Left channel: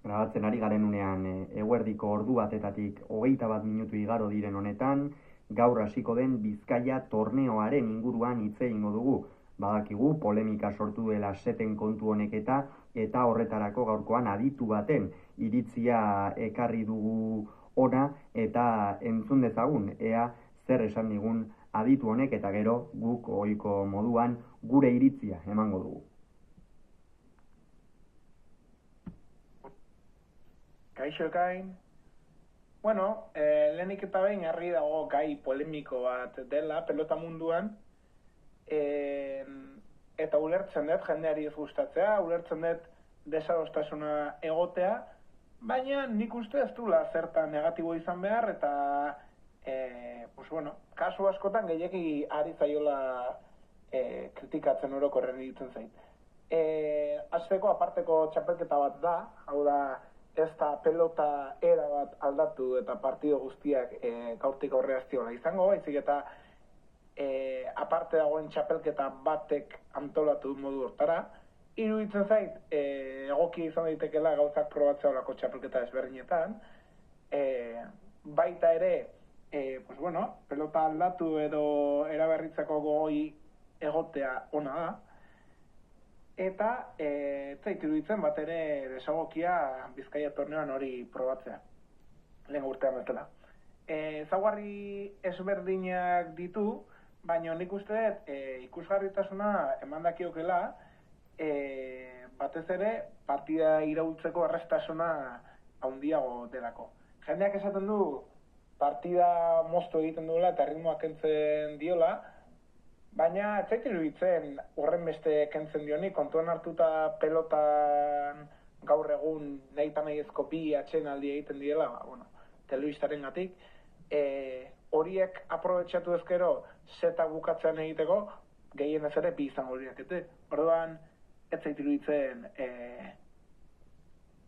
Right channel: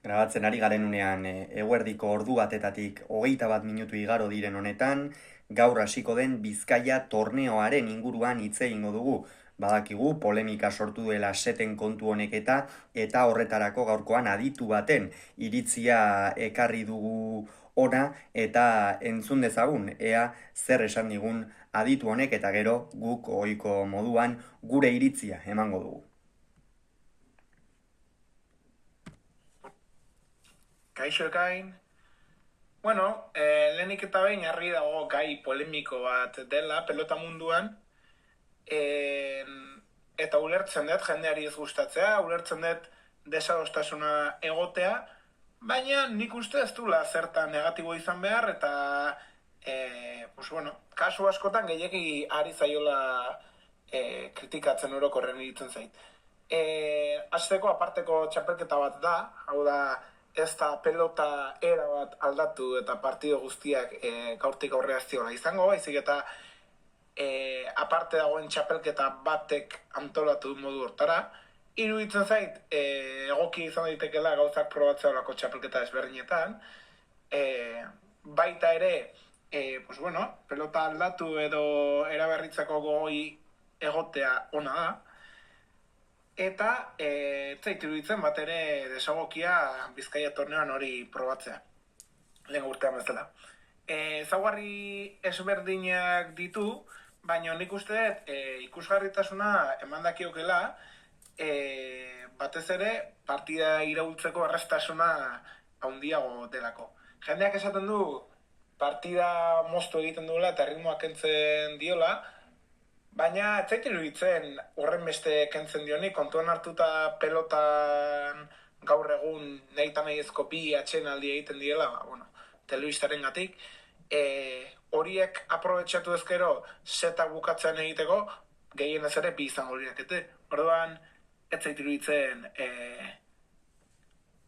Grabatzen ari garen unean eguerdiko ordu batetatik 21 minutu igaro diren honetan, gaur hasiko den Bizkaia torneoaren inguruan hitz egingo dugu. Badakigu polemika sortu duela seten kontu honek eta horretarako gaurkoan aditu baten iritzia ekarri dugu ona eta entzun dezagun ea zer esan digun aditu honek eta gero guk ohiko moduan gure iritzia emango dugu. Kaixo ekain. Lehenik eta behin harri dago gai polemiko bat dela pelota munduan. Eta ulertzen dut jendeari ez gustatzea, ulertzen dut desadostasuna egotea, baina nik uste ez duela zertan negatibo izan behar, eta kasu askotan gehiegi ari zaiola kritikatzen orokorren iritzen zait. Azteko aparteko txapelketa bat da, hau da, ez da pelota era bat aldatu eta partido guztiak gaurtik aurrera ziola izango, baizik eta aparte dagoen txapelketa batek antolatu modu hortara. Iruditzen zait, egoki izan daitekela gauzak probatzea olako txapelketa ezberdinetan. Baita ere, pelota aldatu edo eraberritzeko goi egotea ona da. Eta zait iruditzen bat ere desagokia Bizkaia torneoan hori probatzea. Lehen urtean bezala. Ezaugarri ezberdinak ditu, baina nik uste dut ikusgarritasuna eman dakiokela, batez ere partida iraultzeko erraztasuna handiago delako. Jendeak esaten du partida moztu egiten duela eta ritmoa kentzen diola, baina ez zait iruditzen horren beste kentzen dionik, kontuan hartuta pelotan gaur egun nahi eta nahi ezko bi atxenaldi egiten diela, telebistaren gatik, horiek aprobetxatu ezkero setak bukatzen egiteko, gehienez ere bi izango horiek. Orduan, ez zait iruditzen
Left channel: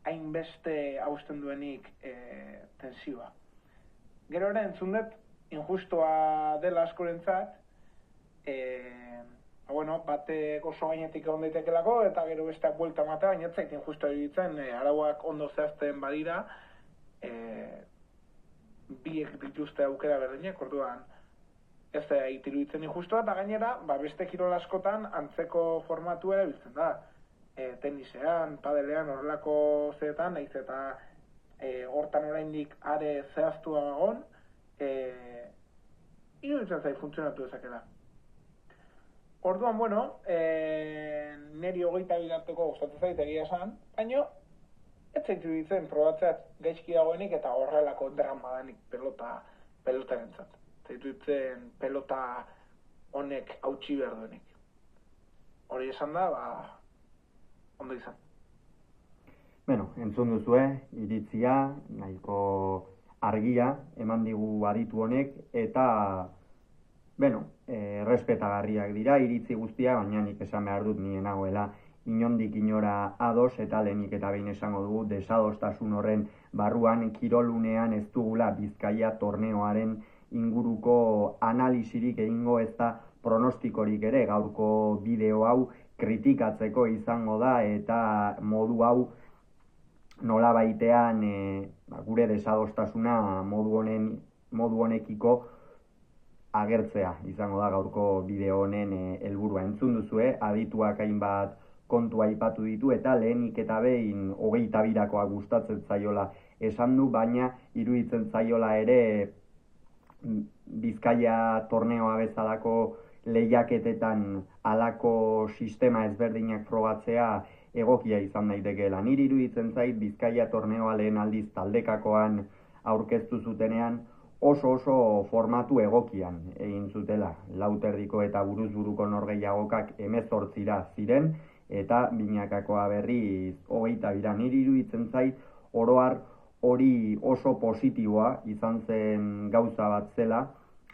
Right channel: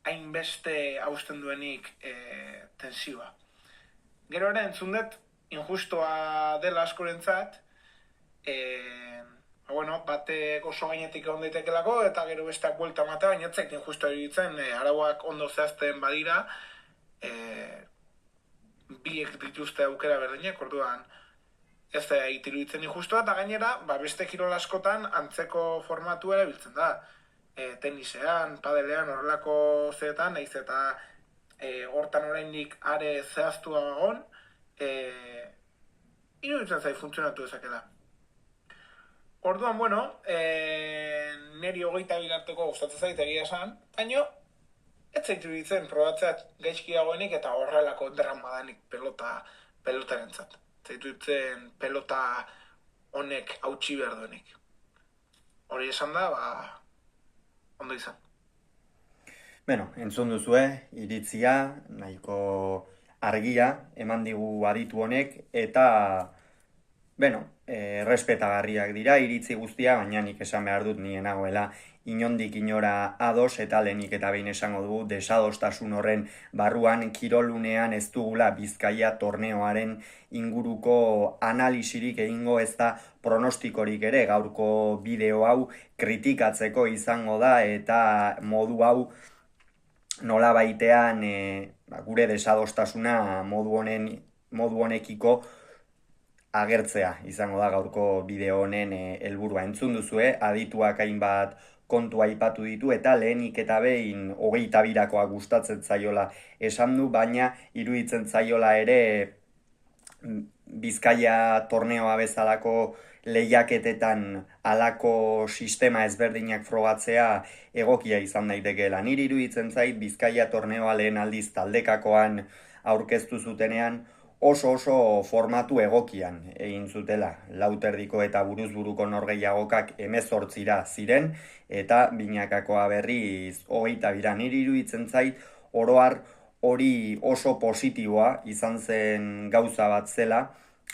hainbeste hausten duenik tensioa. Gero ere entzun dut, injustua dela askorentzat, batek oso gainetik egon daitekelako eta gero besteak buelta matea, baina ez zait injustua iruditzen, arauak ondo zehazten badira, biek dituzte aukera berdinek, orduan ez da iruditzen injustua, eta gainera, beste kirol askotan antzeko formatu erabiltzen da. Tenisean, padelean, horrelako zeetan, nahiz eta hortan oraindik are zehaztua egon, iruditzen zait funtzionatu dezakela. Orduan, neri 22 arteko gustatzen zait egia esan, baina ez zait iruditzen probatzea gaizki dagoenik eta horrelako drama danik pelotarentzat. Zait iruditzen pelota honek hautsi behar duenik. Hori esan da, ondo izan. Entzun duzue, iritzia, nahiko argia eman digu aditu honek, eta errespetagarriak dira iritzi guztia, baina nik esan behar dut nien nagoela inondik inora ados, eta lehenik eta behin esango dugu desadostasun horren barruan kirolunean ez dugula Bizkaia torneoaren inguruko analisirik egingo, ez da pronostikorik ere. Gaurko bideo hau kritikatzeko izango da eta modu hau nola baitean gure desadostasuna modu honekiko agertzea izango da gaurko bideo honen helburua. Entzun duzue, adituak hainbat kontua aipatu ditu eta lehenik eta behin 22koa gustatzen zaiola esan du, baina iruditzen zaiola ere Bizkaia torneoa bezalako lehiaketetan halako sistema ezberdinak frogatzea egokia izan daitekeela. Niri iruditzen zait Bizkaia torneoa lehen aldiz taldekakoan aurkeztu zutenean oso formatu egokian egin zutela. Lauterdiko eta buruzburuko norgehiagokak 18 ziren, eta binakakoa berriz 22. Niri iruditzen zait oroar hori oso positiboa izan zen gauza bat zela,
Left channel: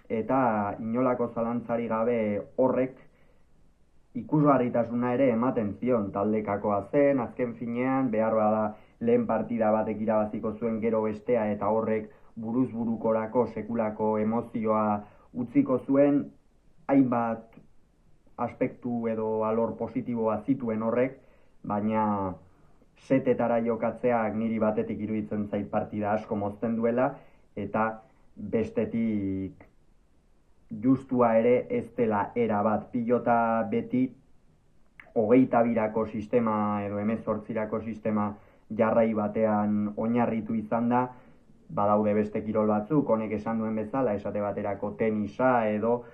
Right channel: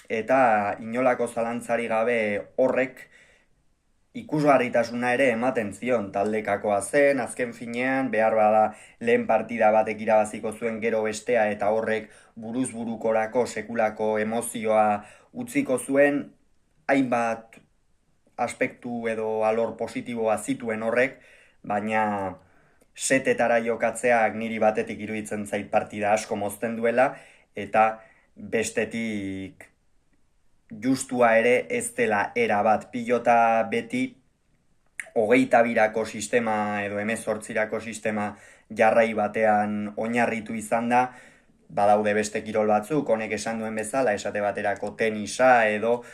eta inolako zalantzari gabe horrek ikusgarritasuna ere ematen zion. Taldekakoa zen, azken finean, behar bada lehen partida batek irabaziko zuen gero bestea, eta horrek buruzburukorako sekulako emozioa utziko zuen, hainbat aspektu edo alor positiboa zituen horrek, baina setetara jokatzeak niri batetik iruditzen zait partida asko mozten duela, eta bestetik justua ere ez dela era bat. Pilota beti 22ko sistema edo 18ko sistema jarrai batean oinarritu izan da. Badaude beste kirol batzuk, honek esan duen bezala, esate baterako tenisa edo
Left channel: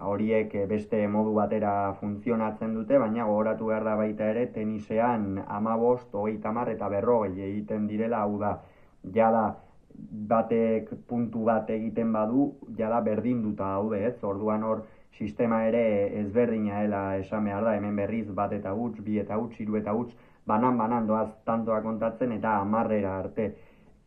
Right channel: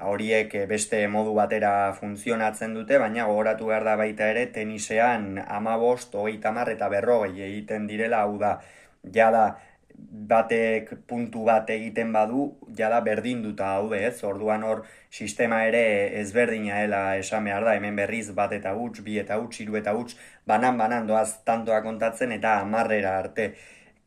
horiek beste modu batera funtzionatzen dute, baina gogoratu behar da baita ere tenisean 15, 30 eta 40 egiten direla, hau da, jada batek puntu bat egiten badu, jada berdinduta daude, ez? Orduan hor sistema ere ezberdina dela esan behar da, hemen berriz bat eta huts, bi eta huts, hiru eta huts, banan doaz tantoa kontatzen eta 10 arte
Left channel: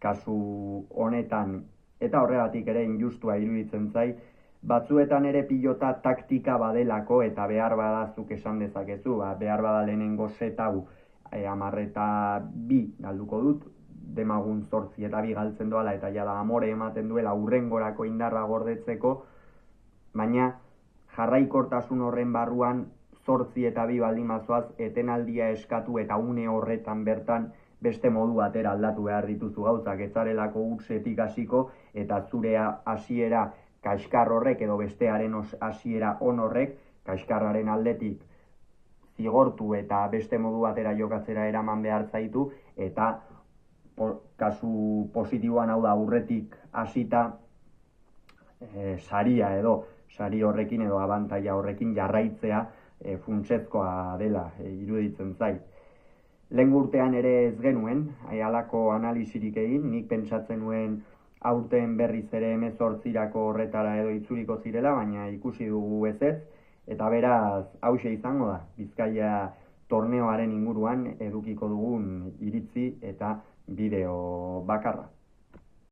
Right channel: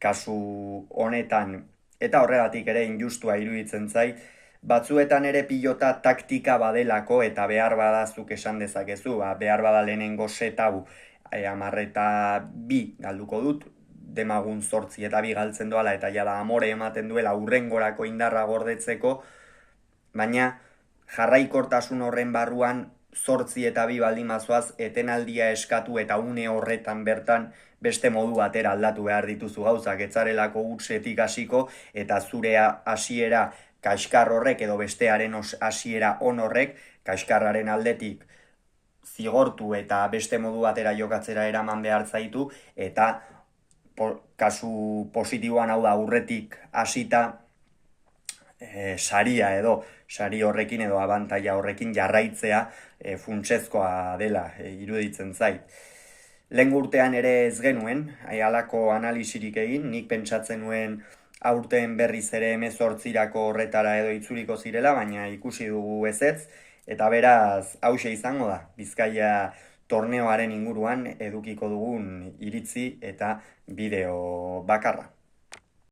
kasu honetan, eta horregatik ere injustua iruditzen zait, batzuetan ere pilota taktika badelako eta behar badazuk esan dezakezu, behar bada lehenengo set hau 10-2 galduko dut, demagun 8-2 galtzen doala eta jada amore ematen duela hurrengorako indarra gordetzeko, baina jarraikortasun horren barruan 8-2 baldin bazoaz etenaldia eskatu eta une horretan bertan beste modu batera aldatu behar dituzu gauzak, etzarelako hutsetik hasiko eta zure hasiera kaskar horrek edo bestearen hasiera on horrek kaskarraren aldetik zigortu eta beste modu batera jokatzera eraman behar zaitu, eta kasu positiboan hau da aurretik hasita saria edo sari horrekin edo abantaila horrekin jarraitzea funtsezkoa dela iruditzen zait. Lehen urtean ere ez genuen, halako analisirik egin, nik pentsatzen nuen aurten berriz ere 18ko horretara edo itzuliko zirela, baina ikusi dugu ezetz, eta beraz hauxe izango da, Bizkaia torneoaren inguruan edukiko dugun iritzi eta bideo bakarra.